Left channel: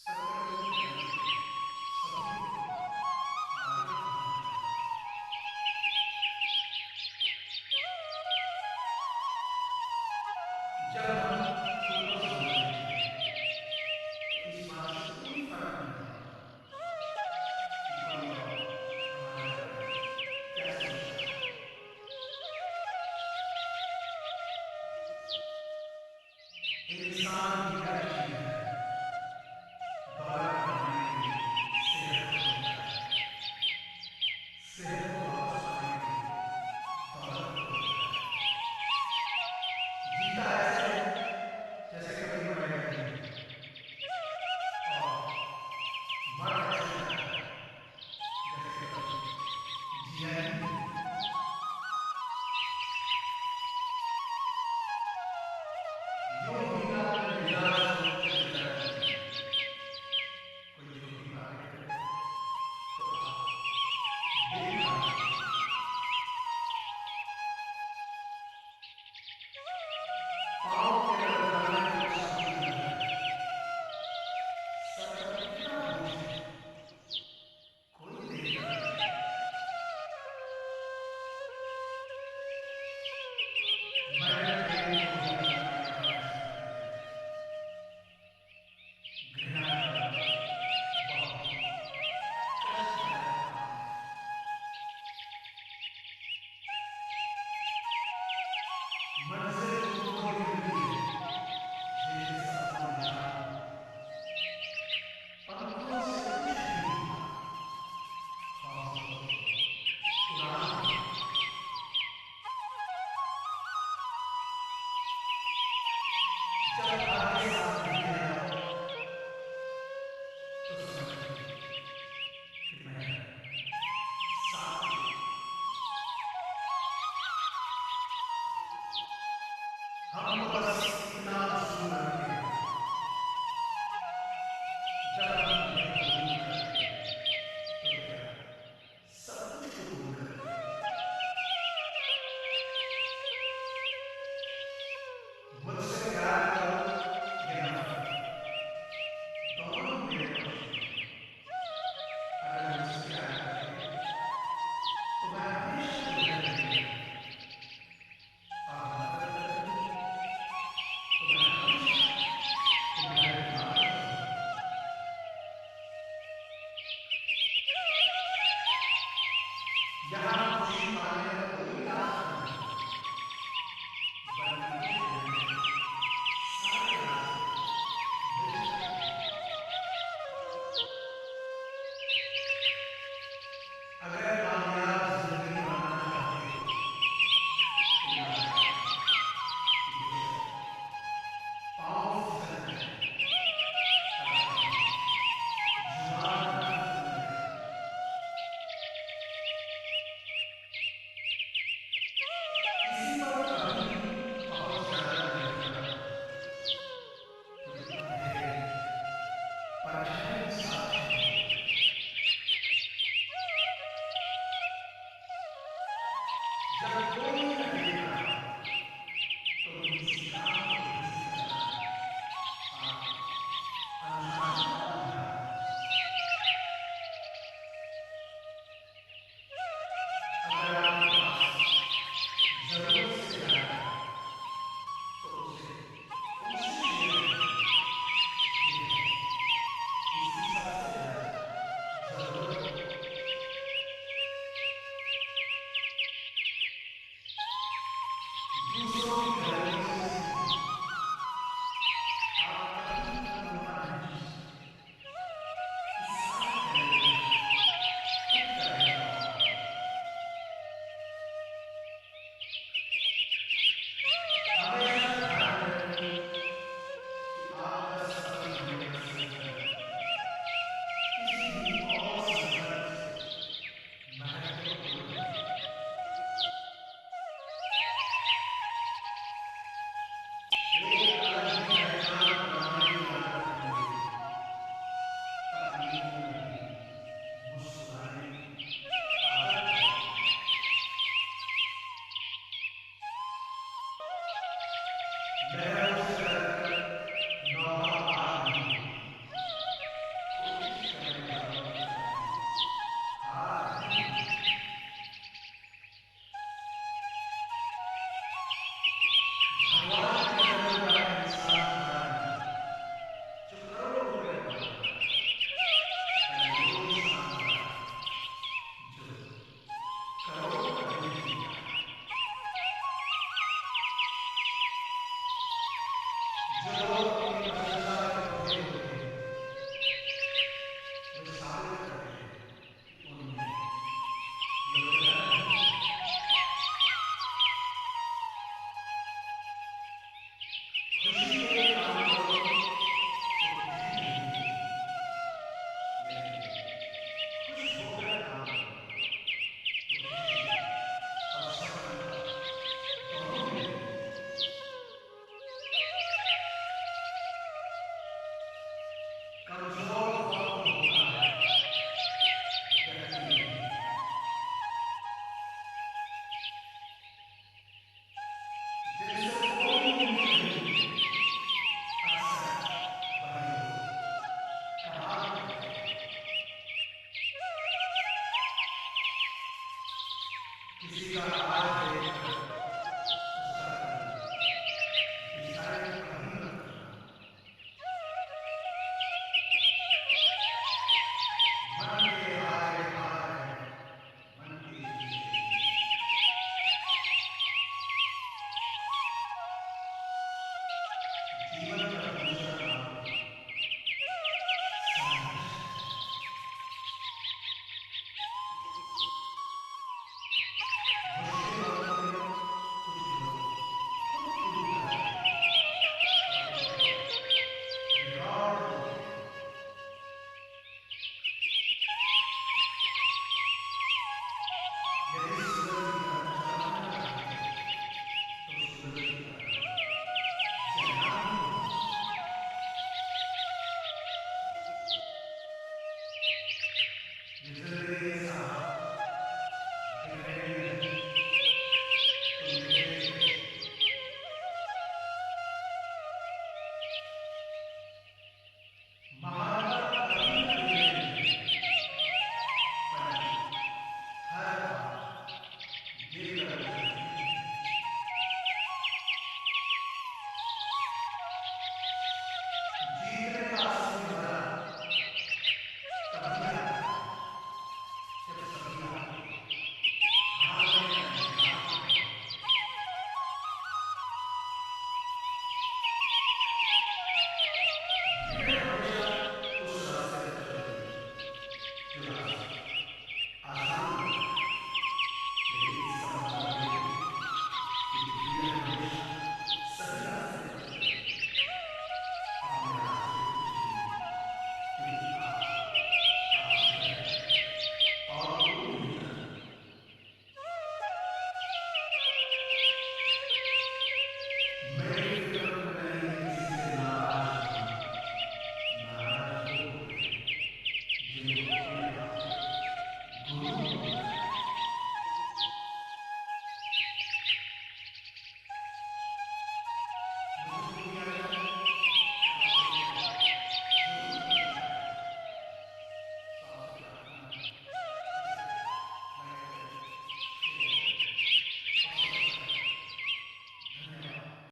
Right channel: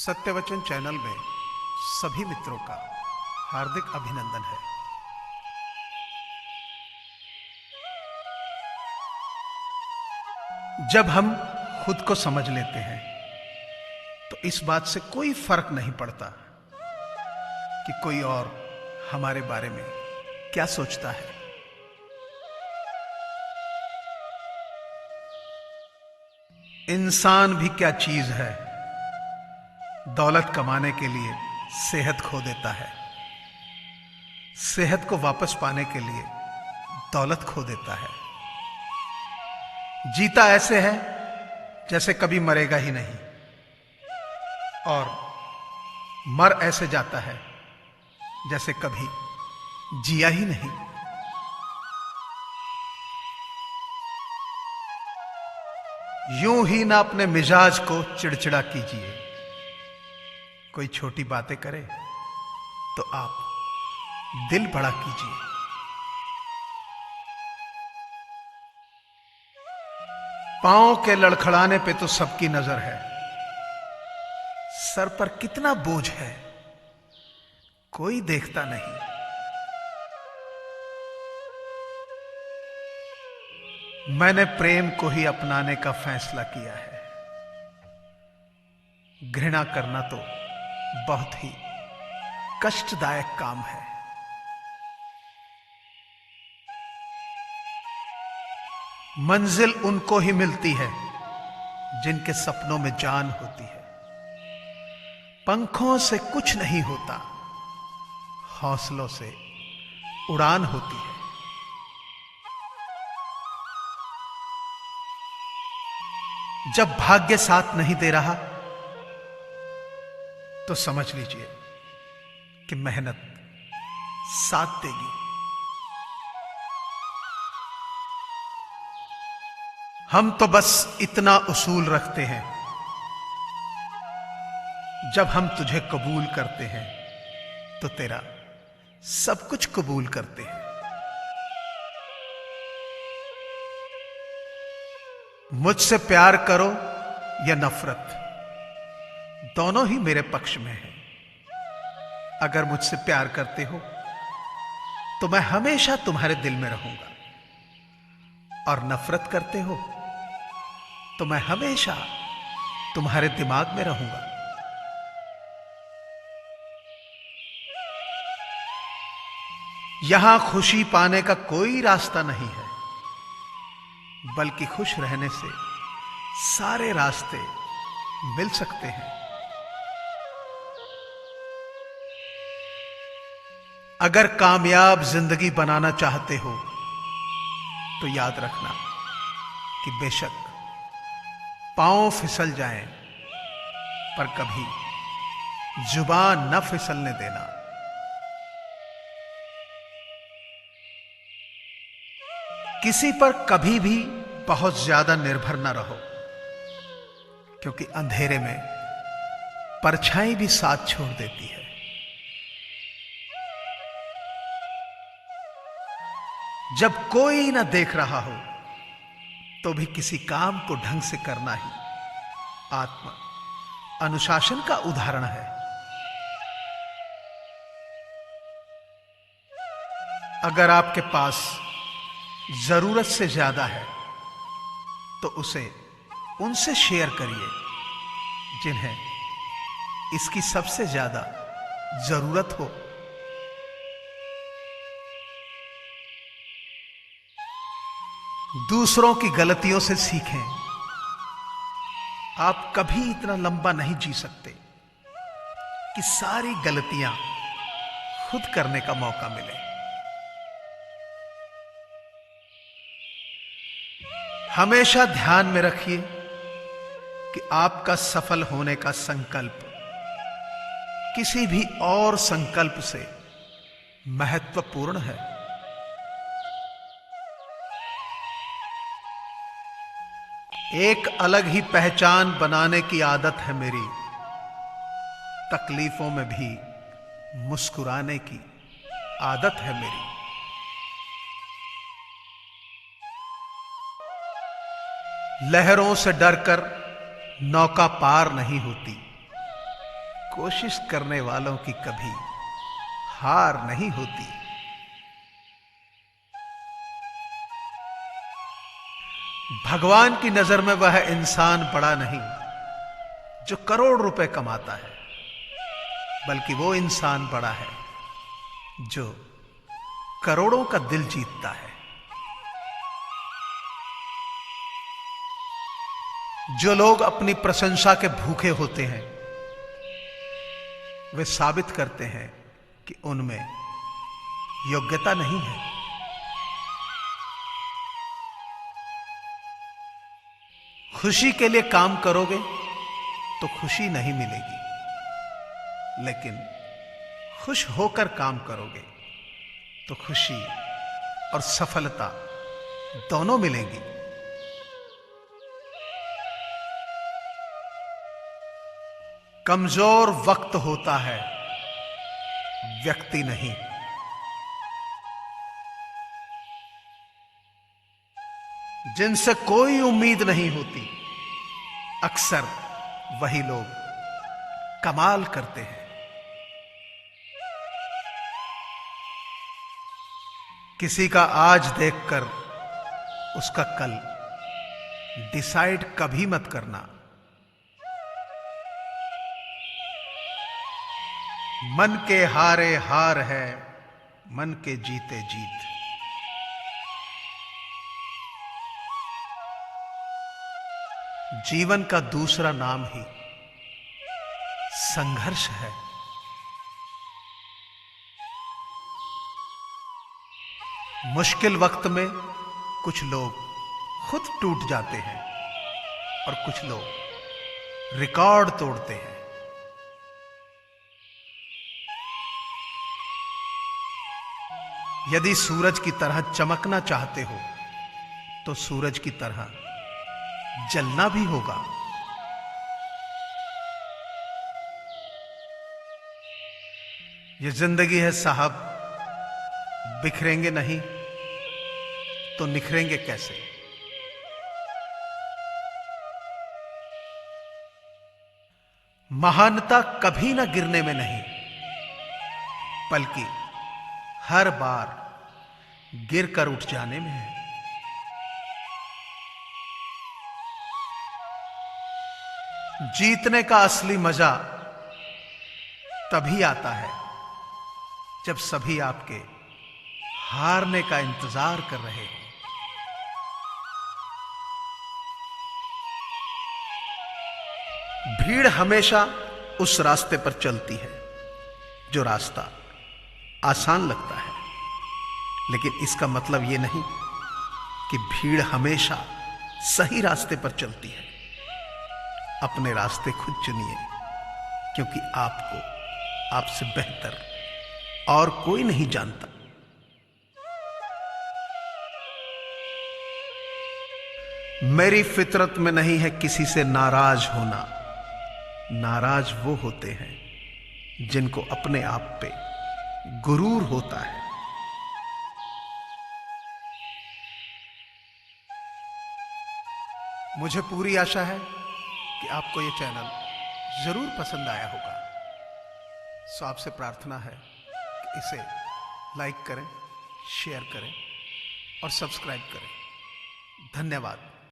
सत्यवचन channel में सभी मित्रों का हार्दिक अभिनंदन है। जब हम खुद को समझ लेते हैं तो इस बात से कोई फर्क नहीं पड़ता कि कोई और हमारे बारे में क्या सोचता है। इंसान भी क्या चीज है, दौलत कमाने के लिए सेहत खो देता है, सेहत को वापस पाने के लिए दौलत खो देता है। जीता ऐसे है जैसे कभी मरेगा ही नहीं, और मर ऐसे जाता है जैसे कभी जिया ही नहीं। यूं ही ना अपने मिजाज को चिड़चिड़ा कीजिए। कोई छोटी बातें करे तो आप दिल बड़ा कीजिए। पांव के लड़खड़ाने पे तो सबकी नजर है, सर पर कितना बोझ है कोई देखता नहीं। मैंने प्रेम को ही अपनाने का फैसला किया है। घृणा करना तो बहुत ही कष्टदायक काम है। मंजिल उनको ही मिलती है जिनके सपनों में जान होती है। पंखों से कुछ नहीं होता, हौसलों से उड़ान होती है। जब भाग्य साथ नहीं दे रहा तो समझ लीजिए कि मेहनत साथ देगी। हम तो बस इतना उसूल रखते हैं, जब हम तुझे कबूल करते हैं तो तेरा सब कुछ कबूल करते हैं। मुझसे प्यार करो या नफरत, दोनों ही मेरे पक्ष में है। अगर मुझसे प्यार करते हो तो मैं हमेशा तुम्हारे दिल में रहूंगा, और नफरत करते हो तो मैं हमेशा तुम्हारे दिमाग में रहूंगा। यहां खुशी पाने का कोई रास्ता नहीं है, बल्कि खुश रहने से सारे रास्ते मिल सकते हैं। अगर कामयाब जिंदगी बनाना चाहते हो तो याद रखना कि बेशक पांव फिसल जाएं, पर कभी जुबान न फिसलने देना। किसी पर कभी भी बहुत ज्यादा निर्भर न रहो, क्योंकि अंधेरे में परछाई भी साथ छोड़ देती है। जब कोई न देख रहा हो तो भी किसी काम को ढंग से करना ही आत्म अनुशासन का उदाहरण है। अगर आपके पास जरूरत से ज्यादा है तो उसे उनसे शेयर करिए जिन्हें इसकी सबसे ज्यादा जरूरत हो। दूसरों की गलतियों से सीखें। आप कभी इतना लंबा नहीं जी सकते कि सारी गलतियां खुद करने का मौका मिले। हमेशा ध्यान में रखिए कि आपका सफल होने का संकल्प किसी भी और संकल्प से महत्वपूर्ण है। एक अलग ही पहचान बनाने की आदत है मेरी, तकलीफों में भी मुस्कुराने की आदत है मेरी। लहरों से डरकर नौका पार नहीं होती, कोशिश करने वालों की कभी हार नहीं होती। भगवान की नजर में वह इंसान बड़ा नहीं जो करोड़ रुपए कमाता है, बल्कि वो इंसान बड़ा है जो करोड़ों का दिल जीतता है। जो लोग अपनी प्रशंसा के भूखे होते हैं वे साबित करते हैं कि उनमें योग्यता नहीं है। खुशी के लिए काम करोगे तो खुशी नहीं मिलेगी, लेकिन खुश होकर काम करोगे तो खुशी और सफलता दोनों मिलेंगी। कमजोर वक्त होता है, व्यक्ति नहीं। जिनसे कोई उम्मीद नहीं होती अक्सर वही लोग कमाल करते हैं। किसी का आज देखकर उसका कल डिसाइड कभी मत करना। मन के हारे हार है, मन के जीते जीत। जीवन का दूसरा नाम ही संघर्ष है। मुश्किल वक्त में कुछ लोग खुद टूट जाते हैं और कुछ लोग रिकॉर्ड तोड़ते हैं। यदि सूरज की तरह चमकना चाहते हो तो सूरज की तरह जलना भी होगा। ये जिंदगी है साहब, बिखरेंगे नहीं तो निखरेंगे कैसे। महानता कभी ना गिरने में नहीं, बल्कि हर बार गिरकर उठ जाने में है। जीतने का असली मजा तभी आता है जब सभी आपके हारने का इंतजार कर रहे हैं। भीड़ हमेशा उस रास्ते पर चलती है जो रास्ता आसान लगता है, लेकिन इसका मतलब यह नहीं कि भीड़ हमेशा सही रास्ते पर चलती है। अपने रास्ते खुद चुनिए, क्योंकि आपको आपसे बेहतर और कोई नहीं जानता। मेरी फितरत में नहीं है किसी से नाराज होना। नाराज वो होते हैं जिनको अपने आप पे गुरूर होता है। मुझे पूरी आशा है कि आपको ये चैनल जरूर पसंद आया होगा। सो आपसे प्रार्थना है कि इसे लाइक करें, शेयर करें और सब्सक्राइब करें। धन्यवाद।